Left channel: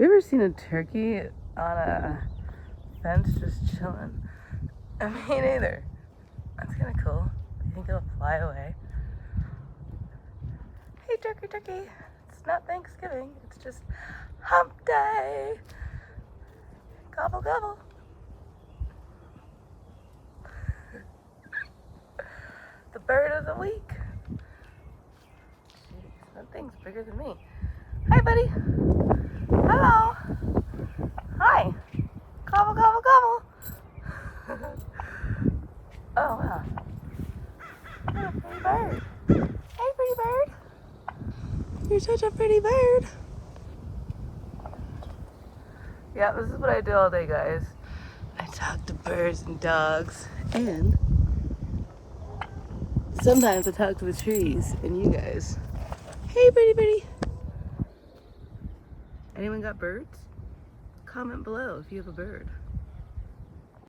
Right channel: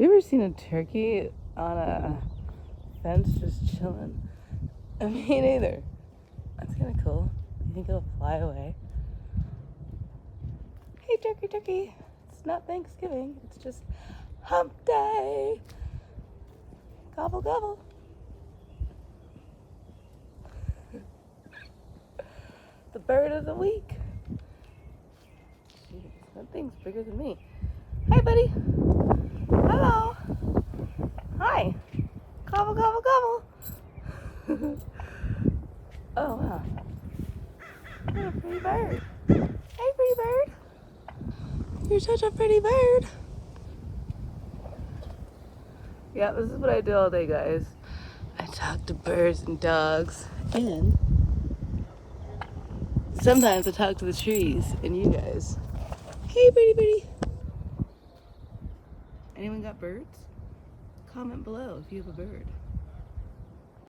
you ever seen a turkey on a fence just chilling? Me neither. That's kind of cool. You think it'll fly away? Hey, turkey, turkey. It's not Thanksgiving. It's just hump day. Gobble, gobble. The bird of the week. Jeez, that thing's bigger than me. Hi, buddy. Hello. Hi. Gobble, gobble, gobble. Oh, wow. Hey, pretty bird. Hey, pretty bird. You're such a pretty bird. Yeah, this is what I do all day, guys. I talk to birds and dogs, and sometimes I talk to the trees and you guys. Hey, pretty birdie. Anyone got birds? Comment below if you have a bird.